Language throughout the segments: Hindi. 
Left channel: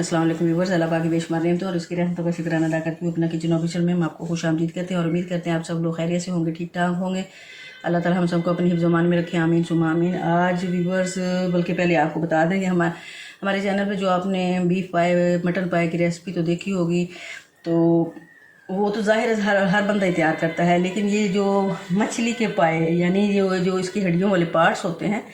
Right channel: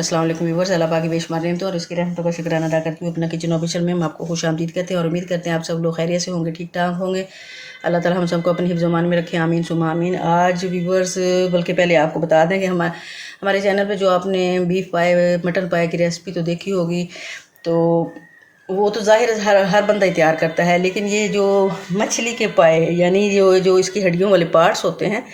अस्सलाम वालेकुम व्यूअर्स, अल्लाह पाक की बेशुमार रहमत और उसकी रहमतों का शुक्राना अदा करती हूँ। अपना किचन ऑफिशियल में हम आपको खुश आमदीद कहते हैं और उम्मीद करते हैं आप सब लोग खैरियत से होंगे, ठीक ठाक होंगे। अल्लाह ताला हम सबको अपनी हिफ्ज़-ओ-मान में रखे, आमीन सुम्मा आमीन। आज व्यूअर्स, बल्कि पहले आपको बता दें कि हमारे चैनल पे जो आपने बीफ पाए मटन पाए की रेसिपी तो देखी होगी, तो वो तो ज़ाहिर हर बंदा ही तैयार करता है, लेकिन ये जो मछली के पाए यानी जो इसकी हड्डियों वाले पार्ट्स होते हैं,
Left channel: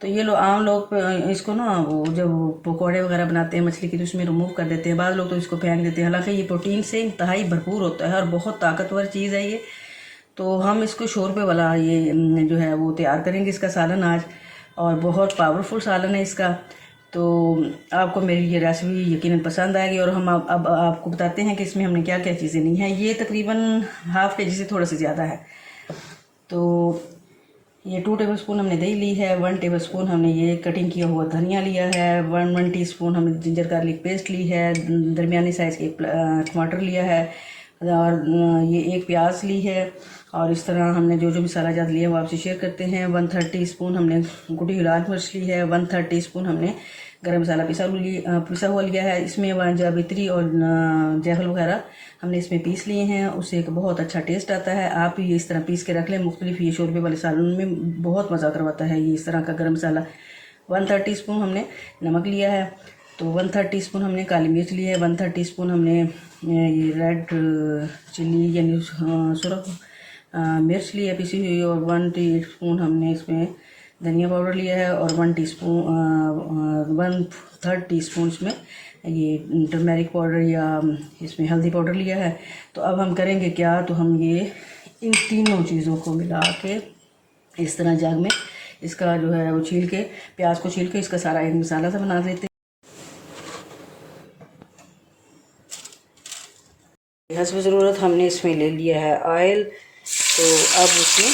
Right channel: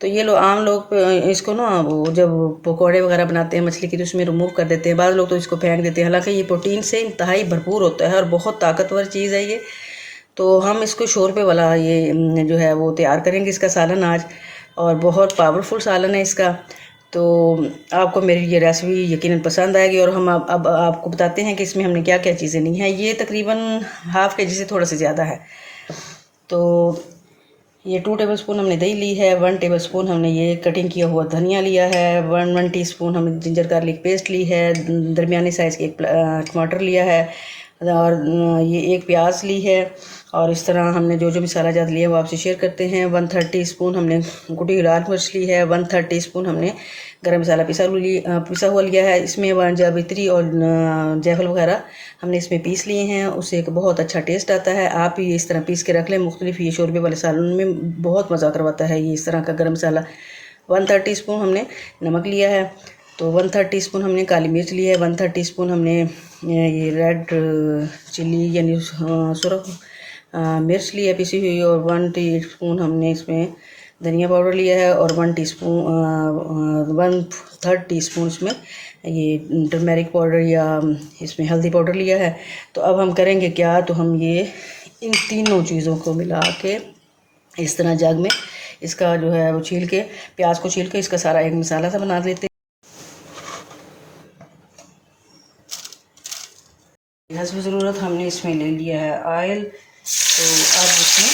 तो ये लोग आम लोग इसको ना वो जब पकौड़े वगैरह बनाते हैं मछली की तो उसमें रिमूव कर देते हैं। बाद लोग तो इसको फेंक देते हैं, हालांकि ये प्रोटीन से इंतहाई भरपूर होता है और बहुत ताकतवर चीज़ है ये। तो हम इसको शोरबे वाला ये जो है वो तैयार करेंगे इसका सालन आज, और बहुत पावरफुल सालन है इसका। तो आपको मेरी ये रेसिपी यकीनन पसंद आएगी। और हम अब आपको बताते हैं कि इसमें हमने क्या क्या चीज़ें ली हैं। ये तकरीबन हाफ़ के जी से थोड़ा सा ज़्यादा है। तो ये 2 टेबलस्पून हमने दही ली है, 1 टेबलस्पून हमने ये कटिंग किया हुआ धनिया लिया है, 1 टीस्पून हमने जिंजर गार्लिक पेस्ट ली है, दरमियानी साइज़ के टमाटर लिया है, और ये 1 प्याज ली है। और इस तरह हमने जो मसाला जात लिए वो आपसे शेयर करते हैं। 1/3 टीस्पून हमने कुटी लाल मिर्च ली है, 1/3 टीस्पून हमने गरम मसाला पिसा हुआ लिया है। इसमें जावित्री और जायफल वगैरह हमने इसमें पीस लिए हैं, उससे एक बहुत अच्छा टेस्ट आता है। आप ही इस तरह पीस के रख लें, मुख्तलिफ ये शोरबे वाले सालन में बहुत मज़ा करवाता है ये इस तरह का गरम मसाला। 1/3 टीस्पून हमने नमक लिया है, तो 1/3 टीस्पून हमने काली मिर्च ली है, 1/3 टीस्पून हमने ये रेड चिली यानी सुरख मिर्च ली है पिसी हुई, और 1 टीस्पून हमने इसमें धनिया पाउडर लिया है, और 1/3 टीस्पून इसमें ये टर्मेरिक पाउडर या इसमें हल्दी पाउडर लिया है। तो अब हम करेंगे क्या, तो हम ये इन तीनों चीज़ों को मिला के इस तरह जग में इसका जो है वो छील के, प्याज को छील के इसका सारा एक मसाला सा बना लेते हैं। हस्ब ज़रूरत हमने इसमें ले लिया है ऑयल, तो अब इसमें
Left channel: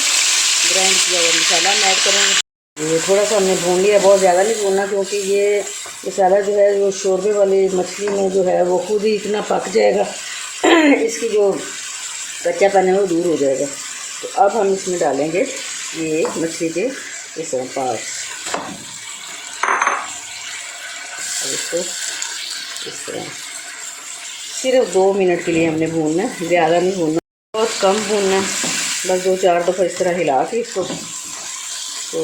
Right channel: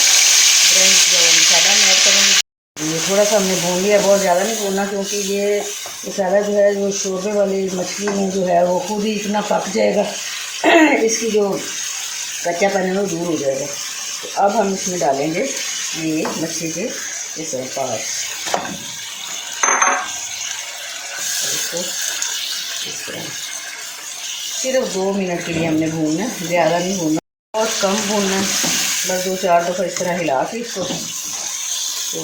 ग्राइंड किया हुआ मसाला हम ऐड करेंगे। ये थोड़ा सा हमने भून लिया, बहुत ज़्यादा नहीं भूनना, क्योंकि ये मसाला जो है जो शोरबे वाली मछली में जो है वो खुद ही इतना पक जाएगा इसकी जो कच्चापन है वो दूर हो जाएगा। तो अब हम इसमें डालेंगे ये मछली के इस तरह पार्ट्स, इसको इस तरह सिर्फ 2 मिनट के लिए हमने भूनना, ज़्यादा नहीं भूनना, बहुत कम भूनना, बस 2-4 दफ़ा इस तरह हिला के इसको। तो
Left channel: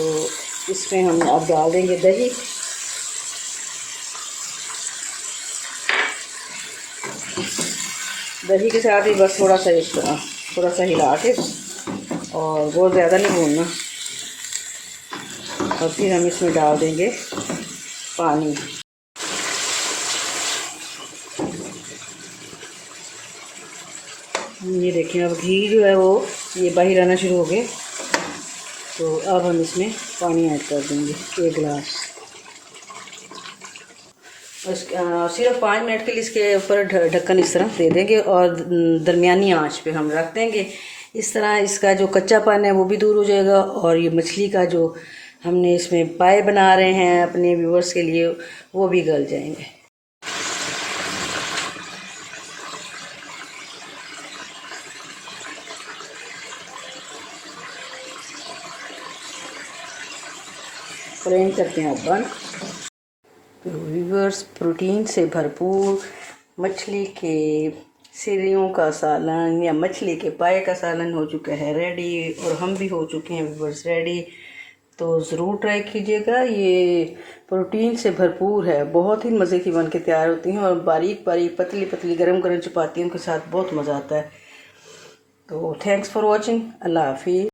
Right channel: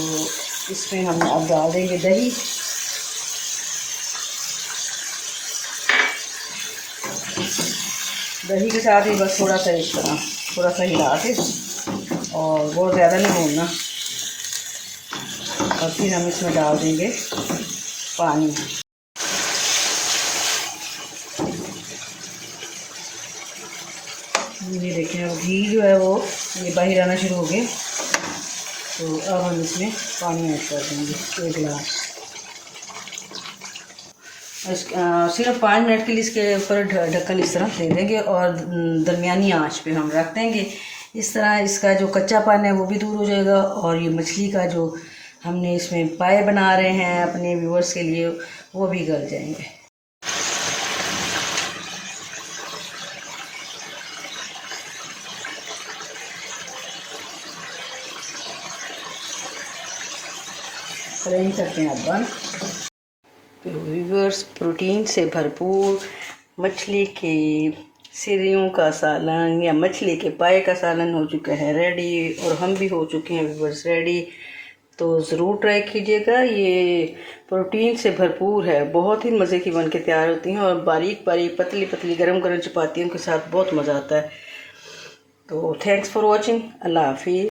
इसमें हम अब डाल देंगे दही, दही के साथ ही बस थोड़ा सा इस तरह थोड़ा सा हिला के, और बहुत ज़्यादा नहीं भूनना। और फिर हम इसमें डाल देंगे पानी। ये देखिए अब घी जो है वो ये बाहर आना शुरू हो गए, तो अब हम इसमें पानी ऐड कर देंगे 1 गिलास। सिर्फ 5 मिनट के लिए इसके ऊपर ढक्कन इस तरह दे देंगे और दरमियानी आंच पे हम रख देंगे। इस तरह इसका जो कच्चापन है वो भी दूर हो जाएगा, और ये मछली का जो हमने इसमें पाए बना रहे हैं अपने व्यूअर्स के लिए वो भी गल जाएंगे। फ्राई करते हैं अपन। तो व्यूअर्स, प्रोटीन से भरपूर मछली के सिरियों का सालन या मछली के पाए का सालन हो चुका है रेडी, और हम भी हो चुके हैं व्यूअर्स रेडी। तो ज़रूर ट्राई कीजिएगा, ये प्रोटीन से भरपूर है, बहुत ही मज़े की बन के तैयार होती हैं, और बारीक बारीक पतली पतली गरम गरम चपातियों के साथ बहुत मज़ा आता है। तो थैंक्स फॉर वॉचिंग, अल्लाह हाफिज़।